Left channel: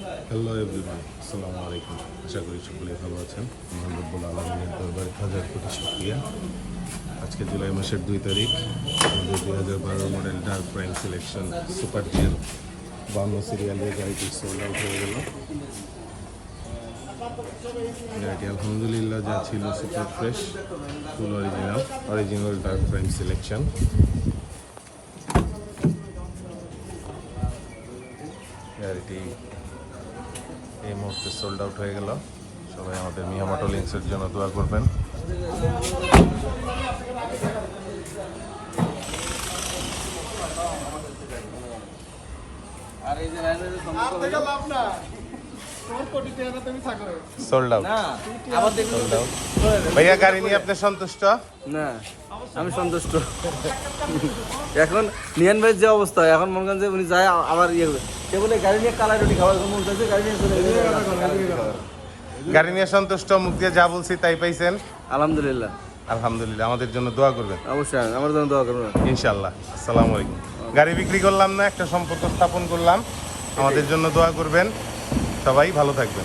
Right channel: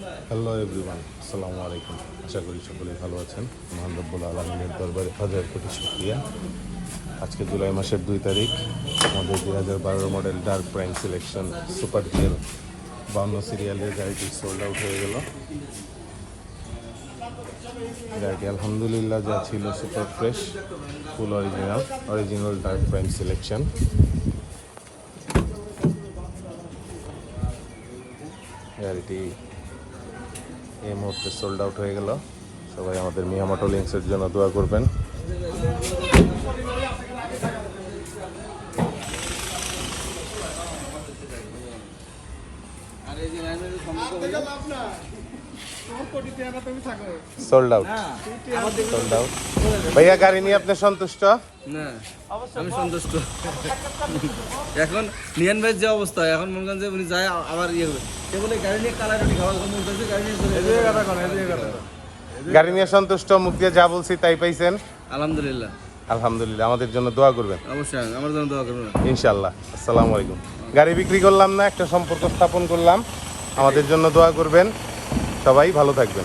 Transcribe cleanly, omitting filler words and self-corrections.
Hello everyone, আসসালামু আলাইকুম। আশা করি সকলে ভালো আছেন। মহান রব্বুল আলামিনের দরবারে হাজার কোটি শুকরিয়া। আজকে জুলাই মাসের 2 তারিখ, আমাদের 2012 model dark prime selection super GL 52 সিরিয়ালের গাড়িটি সোল্ড আউট হয়ে গেল। গাড়িটি আলহামদুলিল্লাহ যা ছিল সুপার ফ্রেশ, ফুল অরিজিনাল ডার্ক প্রাইম সিলেকশন। গাড়িটি এই মুহূর্তে সোল্ড আউট হয়ে গেল। সবাই আমাদের নিয়মিত লেন্সের জন্য দোয়া করবেন। Sold out. ভাইয়া, গাড়ি নিয়ে আপনি সন্তুষ্ট? না, আমি সন্তুষ্ট। এখন নিয়ান ভাইয়ের যে অবস্থা, এখন মনে করেন যে উনি যায় আবার ইয়ে হবে, সে বলে গাড়ি নিয়ে কালাই রুটি খাওয়ার মন চাইছে, গাড়ি নিয়ে চলে গাড়ি নিয়ে সন্তুষ্ট, মুখ দিয়ে যা বলছি তাই পাইছেন? আলহামদুলিল্লাহ। আলহামদুলিল্লাহ। আমাদের জন্য দোয়া করবেন অবশ্যই আমার জন্য দোয়া করবেন ইনশাল্লাহ। আসসালামু আলাইকুম। গাড়ি বিক্রি করলাম না, একটা সম্পর্ক স্থাপন করলাম। আমাদের জন্য দোয়া করবেন। সবাই ভালো থাকবেন।